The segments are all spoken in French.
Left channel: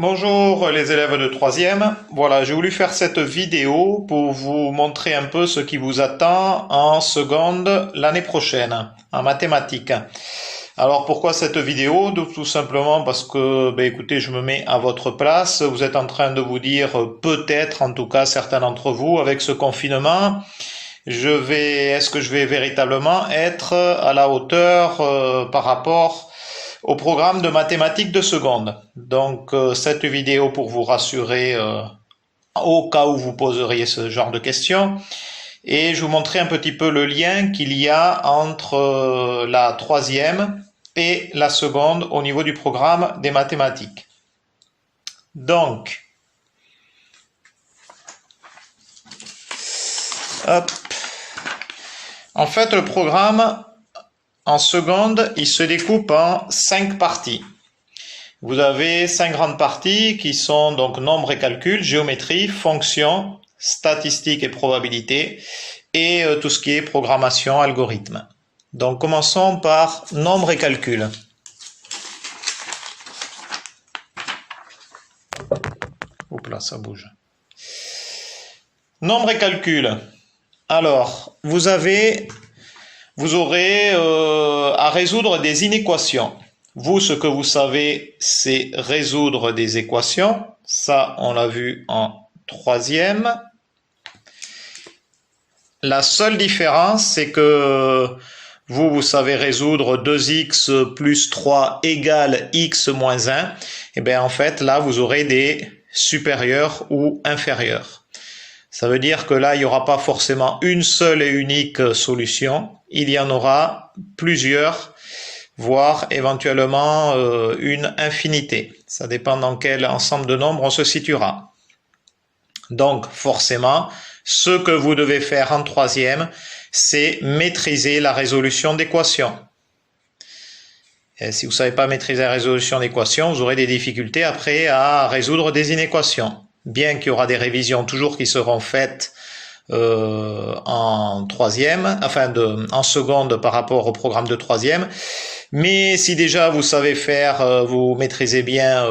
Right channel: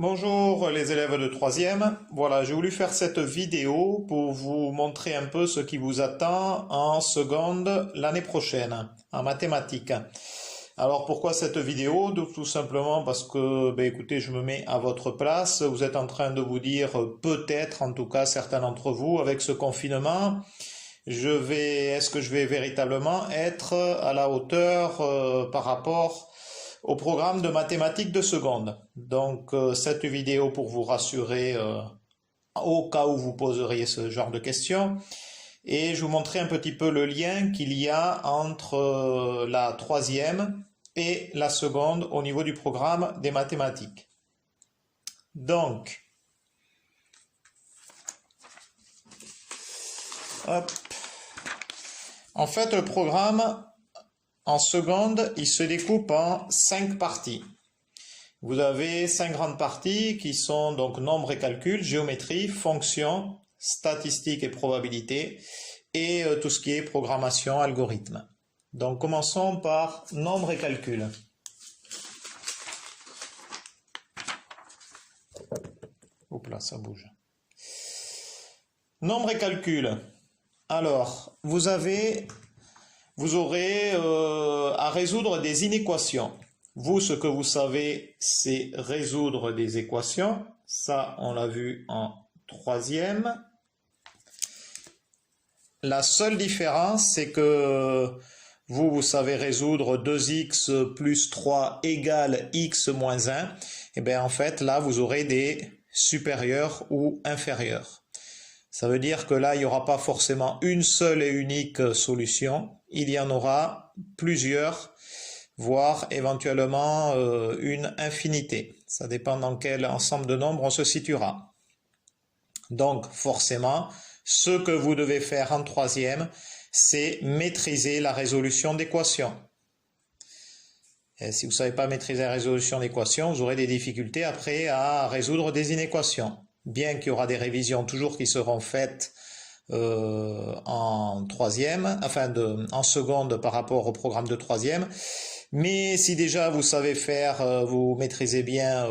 Bonjour les élèves de troisième. Voilà, j'ai voulu faire cette vidéo pour vous montrer un peu ce qui vous attend en seconde l'année prochaine, en mathématiques. Alors pourquoi cette vidéo? Tout simplement parce que, écoutez, je me mets à votre place. Vous êtes en train de vous dire, peut-être, en tout cas certains d'entre vous, avec ce confinement, est-ce que je vais véritablement être à la hauteur par rapport au programme de mathématiques de seconde. Donc cette vidéo pour vous rassurer au cas où vous poseriez ce genre de questions. Et je vous montrer un petit peu le lien qu'il y a entre la troisième et la seconde au niveau du programme des mathématiques. Donc, hop. En fait, le programme en seconde, il se découpe en 5 parties. Vous avez 5 grandes parties qui sont donc nombre et calcul, géométrie, fonctions, statistiques et probabilité, et tout ce qui est programmation, algorithme. Donc commençons par nombre et calcul. Oups là, ça bouge. Nombre et calcul. Alors, vous aurez à résoudre des inéquations. Vous, ce que vous savez, c'est résoudre des équations. Ça, on l'a vu en troisième. La seule différence, c'est que vous savez résoudre 2x plus 3 égale x moins 1. Et bien, en fait, là, vous aurez des supérieurs ou inférieurs. Ça veut dire que là, il n'y aura pas forcément une seule et unique solution. Il y en aura plusieurs, voire éventuellement une infinité. Ça dépend dans quel ensemble de nombres on se situera. Donc, forcément, ce que vous devez faire en troisième, c'est maîtriser la résolution d'équations. Et si vous ne savez pas maîtriser la résolution d'équations, vous aurez des difficultés après à résoudre des inéquations. Bien qu'il y aura des révisions toujours qui seront faites en troisième, en seconde par rapport au programme de troisième. Mais si déjà vous savez faire, vous maîtrisez bien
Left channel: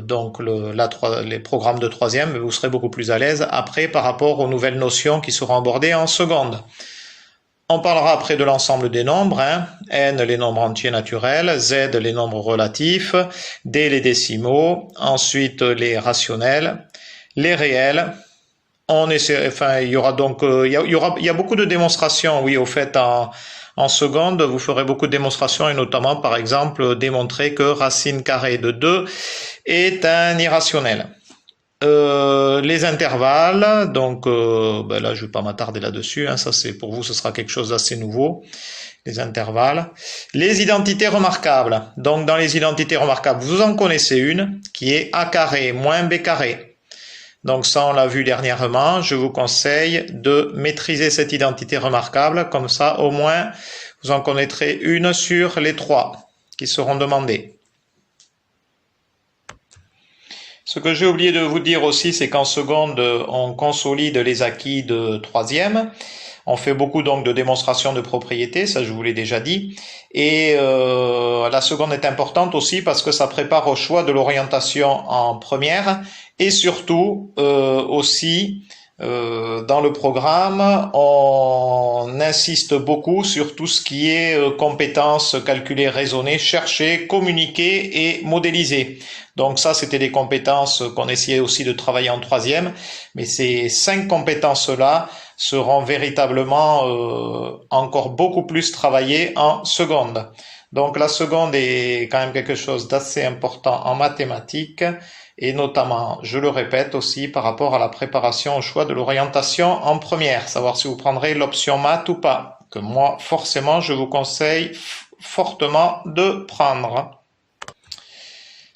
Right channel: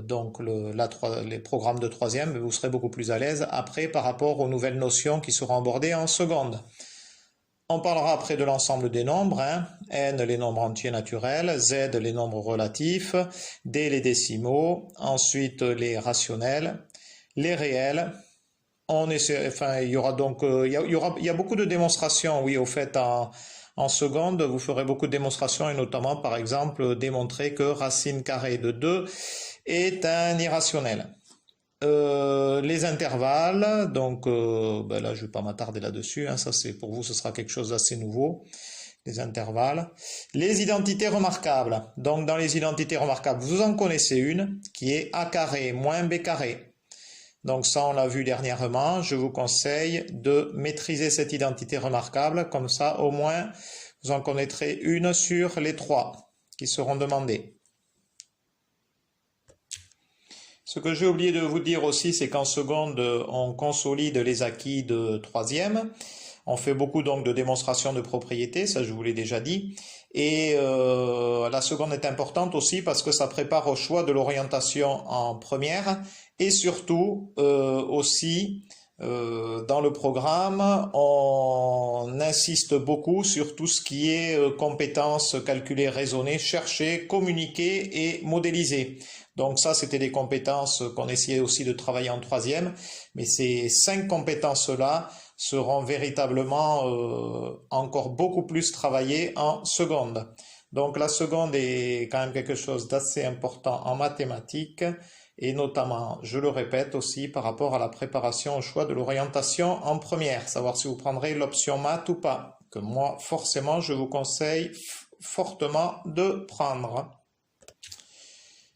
donc les programmes de troisième, vous serez beaucoup plus à l'aise après par rapport aux nouvelles notions qui seront abordées en seconde. On parlera après de l'ensemble des nombres, n les nombres entiers naturels, z les nombres relatifs, d les décimaux, ensuite les rationnels, les réels. Il y aura donc, il y a beaucoup de démonstrations, oui, au fait, en seconde, vous ferez beaucoup de démonstrations et notamment, par exemple, démontrer que racine carrée de 2 est un irrationnel. Les intervalles, donc là je ne vais pas m'attarder là-dessus, ça c'est pour vous, ce sera quelque chose d'assez nouveau, les intervalles. Les identités remarquables, donc dans les identités remarquables, vous en connaissez une qui est a carré moins b carré. Donc ça on l'a vu dernièrement, je vous conseille de maîtriser cette identité remarquable, comme ça au moins vous en connaîtrez une sur les 3 qui seront demandées. Ce que j'ai oublié de vous dire aussi, c'est qu'en seconde, on consolide les acquis de troisième. On fait beaucoup donc de démonstrations de propriétés, ça je vous l'ai déjà dit. Et la seconde est importante aussi parce que ça prépare au choix de l'orientation en première. Et surtout aussi, dans le programme, on insiste beaucoup sur tout ce qui est compétences calculées, raisonnées, chercher, communiquer et modéliser. Donc ça, c'était des compétences qu'on essayait aussi de travailler en troisième, mais ces 5 compétences-là seront véritablement encore beaucoup plus travaillées en seconde. Donc la seconde est quand même quelque chose d'assez important en mathématiques, et notamment, je le répète aussi, par rapport à la préparation au choix de l'orientation en première, savoir si vous prendrez l'option maths ou pas, que moi, forcément, je vous conseille fortement de prendre.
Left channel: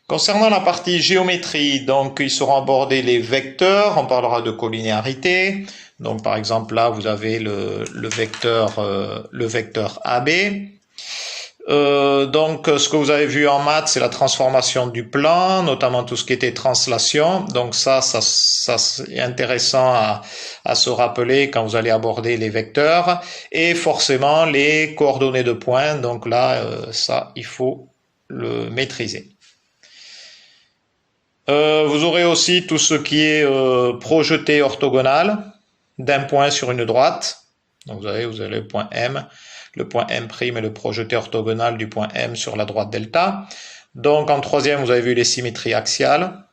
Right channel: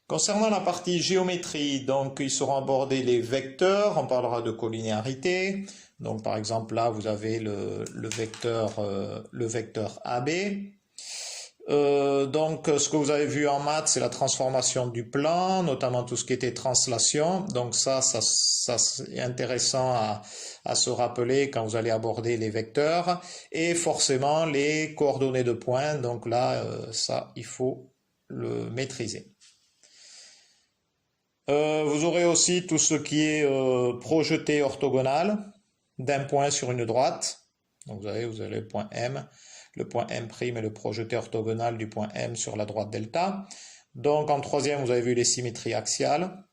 Concernant la partie géométrie, donc ils seront abordés les vecteurs, on parlera de collinéarité. Donc par exemple là vous avez le vecteur AB. Donc ce que vous avez vu en maths, c'est la transformation du plan, notamment tout ce qui était translation. Donc ça c'est intéressant à se rappeler quand vous allez aborder les vecteurs. Et forcément les coordonnées de points, donc là ça il faut le maîtriser. Vous aurez aussi tout ce qui est projeté orthogonal d'un point sur une droite. Donc vous avez le point M et le projeté orthogonal du point M sur la droite delta. Donc en troisième, vous avez vu les symétries axiales.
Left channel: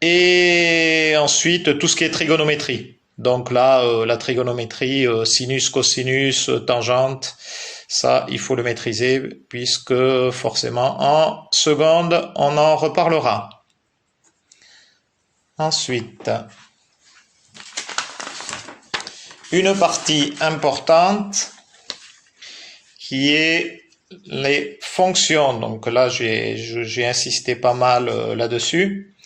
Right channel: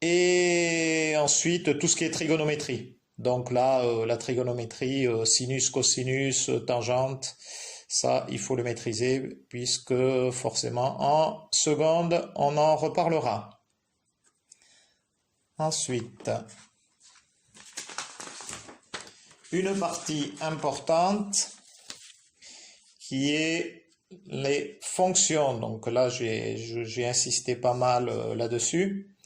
Et ensuite, tout ce qui est trigonométrie. Donc là, la trigonométrie, sinus, cosinus, tangente, ça, il faut le maîtriser puisque forcément, en seconde, on en reparlera. Ensuite, une partie importante qui est les fonctions. Donc là, j'ai insisté pas mal là-dessus.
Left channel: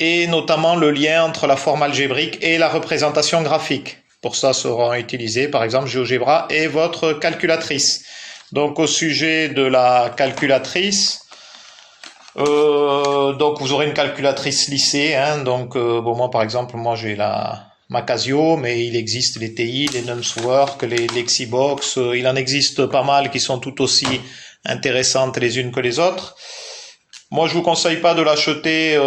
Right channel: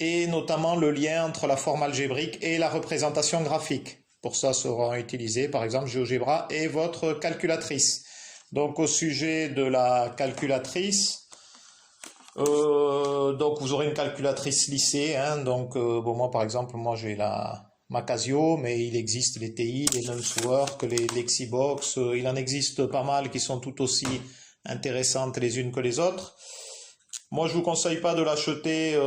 Et notamment le lien entre la forme algébrique et la représentation graphique. Pour ça seront utilisés par exemple GeoGebra et votre calculatrice. Donc au sujet de la calculatrice, donc vous aurez une calculatrice lissée, hein, donc bon, moi j'ai ma Casio, mais il existe les TI, les NumsWorks, les Lexibox, il en existe pas mal qui sont tout aussi intéressantes les unes que les autres. Moi je vous conseille pas de l'acheter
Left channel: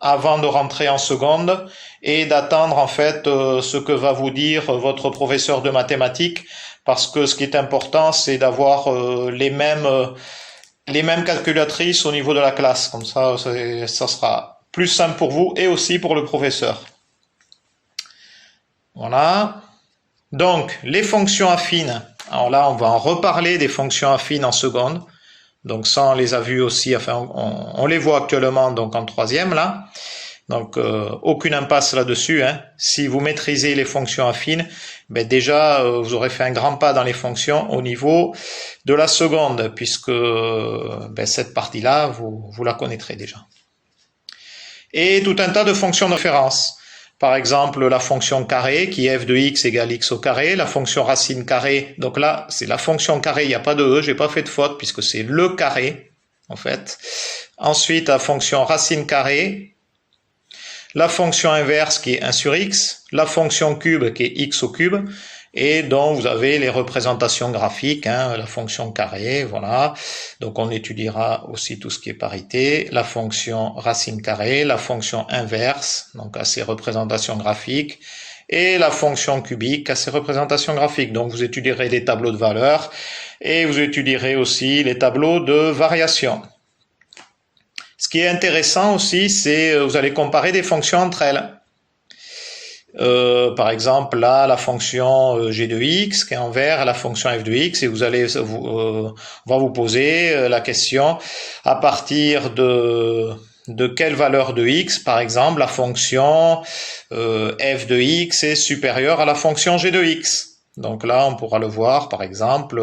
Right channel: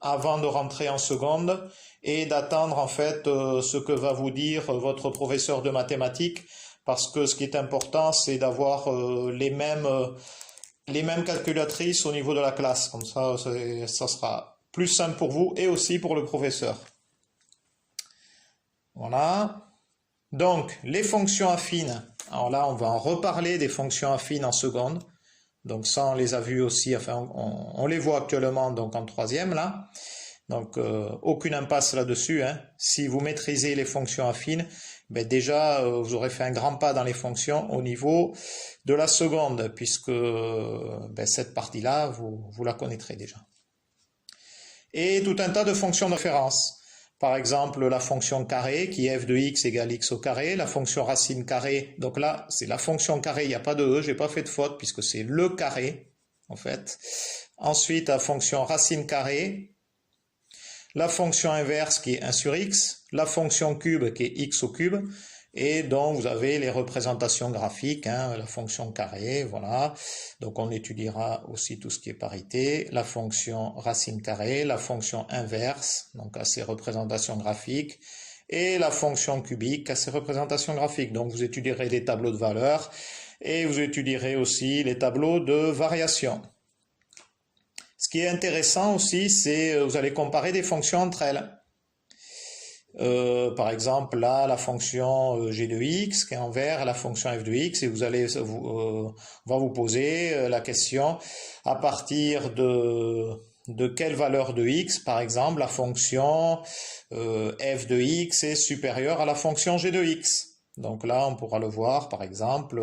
avant de rentrer en seconde et d'attendre en fait ce que va vous dire votre professeur de mathématiques, parce que ce qui est important c'est d'avoir les mêmes calculatrices au niveau de la classe, comme ça sera plus simple pour vous et aussi pour le professeur. Voilà. Donc les fonctions affines, alors là on va en reparler des fonctions affines en seconde. Donc ça on les a vues aussi, enfin on les voit actuellement donc en troisième là. Donc aucune impasse là-dessus, hein. Si vous maîtrisez les fonctions affines, ben déjà vous aurez fait un grand pas dans les fonctions au niveau de la seconde, puisque ben, cette partie-là, vous la connaîtrez déjà. Et tout un tas de fonctions de référence. Par exemple, la fonction carré, qui est f de x égale x au carré, la fonction racine carré, donc là, c'est la fonction carré, il n'y a pas de e, j'ai pas fait de faute, puisque c'est le carré, en fait. Ensuite, la fonction racine carré, la fonction inverse qui est 1 sur x, la fonction cube qui est x au cube, et dont vous avez les représentations graphiques, hein, la fonction carré, voilà. Donc on étudiera aussi tout ce qui est parité, la fonction racine carrée, la fonction inverse, donc à ses représentations graphiques, et la fonction cubique à ses représentations graphiques. Donc vous étudierez des tableaux de valeurs, et vous étudierez aussi les tableaux de variation. Ce qui est intéressant aussi, c'est vous allez comparer des fonctions entre elles. Par exemple, là, la fonction g de x qui est en vert, la fonction f de x, et vous allez, on va vous poser la question à partir de quelle valeur de x, par exemple, la fonction f de x est supérieure à la fonction g de x. Donc là, on pourra le voir, par exemple,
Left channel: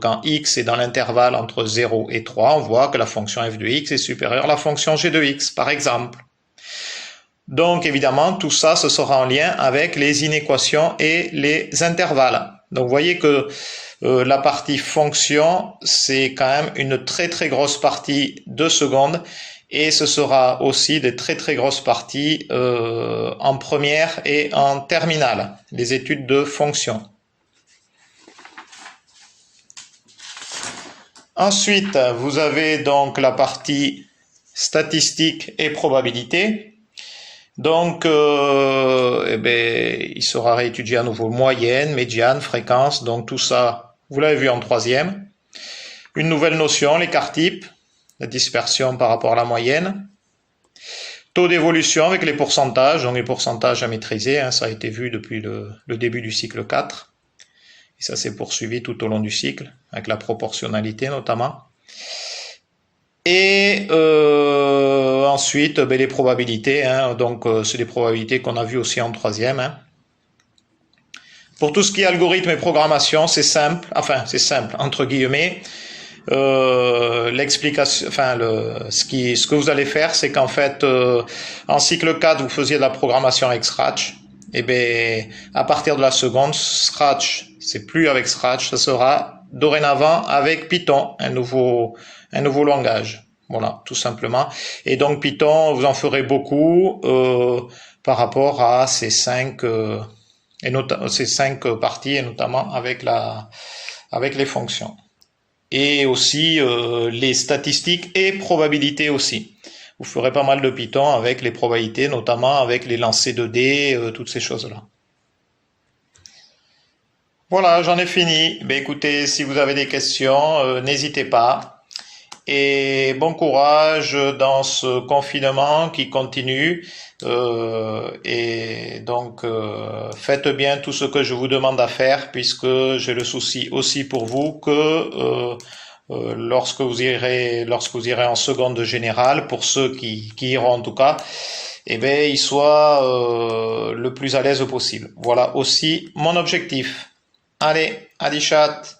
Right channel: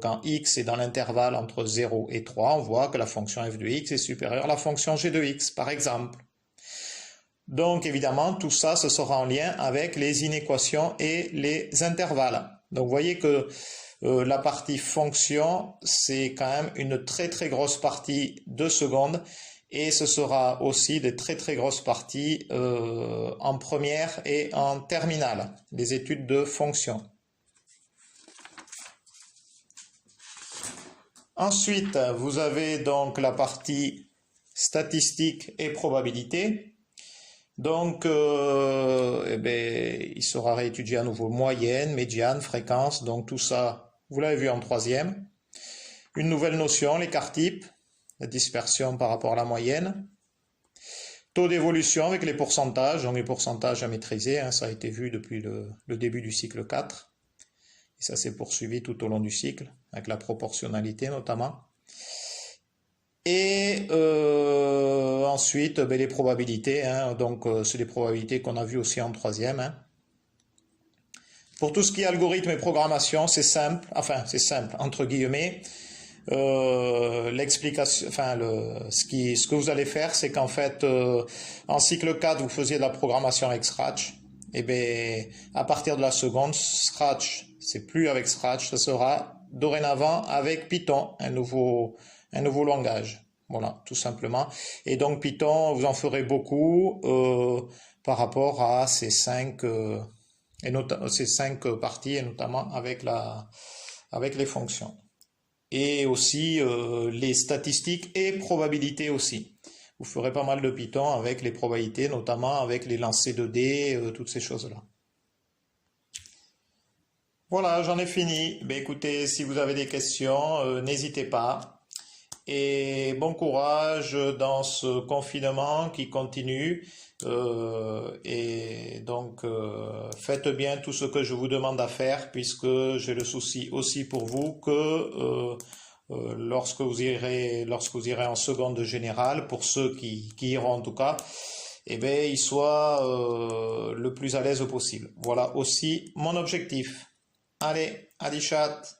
quand x est dans l'intervalle entre 0 et 3, on voit que la fonction f de x est supérieure à la fonction g de x, par exemple. Donc évidemment, tout ça, ce sera en lien avec les inéquations et les intervalles. Donc vous voyez que la partie fonction, c'est quand même une très très grosse partie de seconde, et ce sera aussi des très très grosses parties en première et en terminale, les études de fonctions. Ensuite, vous avez donc la partie statistique et probabilité. Donc, il sera réétudié à nouveau moyenne, médiane, fréquence, donc tout ça, vous l'avez vu en troisième. Une nouvelle notion, l'écart type, la dispersion par rapport à la moyenne. Taux d'évolution avec les pourcentages, donc les pourcentages à maîtriser, hein, ça a été vu depuis le début du cycle 4. Et ça s'est poursuivi tout au long du cycle, avec la proportionnalité notamment. Et ensuite, les probabilités, hein, donc c'est des probabilités qu'on a vues aussi en troisième. Hein. Pour tout ce qui est algorithme et programmation, c'est simple, enfin c'est simple, entre guillemets. L'explication, enfin ce que vous allez faire, c'est qu'en fait, en cycle 4, vous faisiez de la programmation avec Scratch. Et bien, à partir de la seconde, Scratch, c'est plus avec Scratch, ça sera dorénavant avec Python, un nouveau langage. Voilà, tout simplement. Et donc Python, vous en ferez beaucoup par rapport à ces cinq parties, et notamment avec les fonctions. et aussi les statistiques et probabilités aussi. Vous ferez pas mal de Python avec les probabilités, notamment avec les lancers de dés, toutes ces choses-là. Voilà, j'en ai fini. Ben, écoutez, si vous avez des questions, n'hésitez pas. Et bon courage dans ce confinement qui continue. Et donc, faites bien tout ce que je vous demande à faire, puisque j'ai le souci aussi pour vous que lorsque vous irez en seconde générale, pour ceux qui iront en tout cas, eh bien, ils soient le plus à l'aise possible. Voilà aussi mon objectif. Allez, à chat.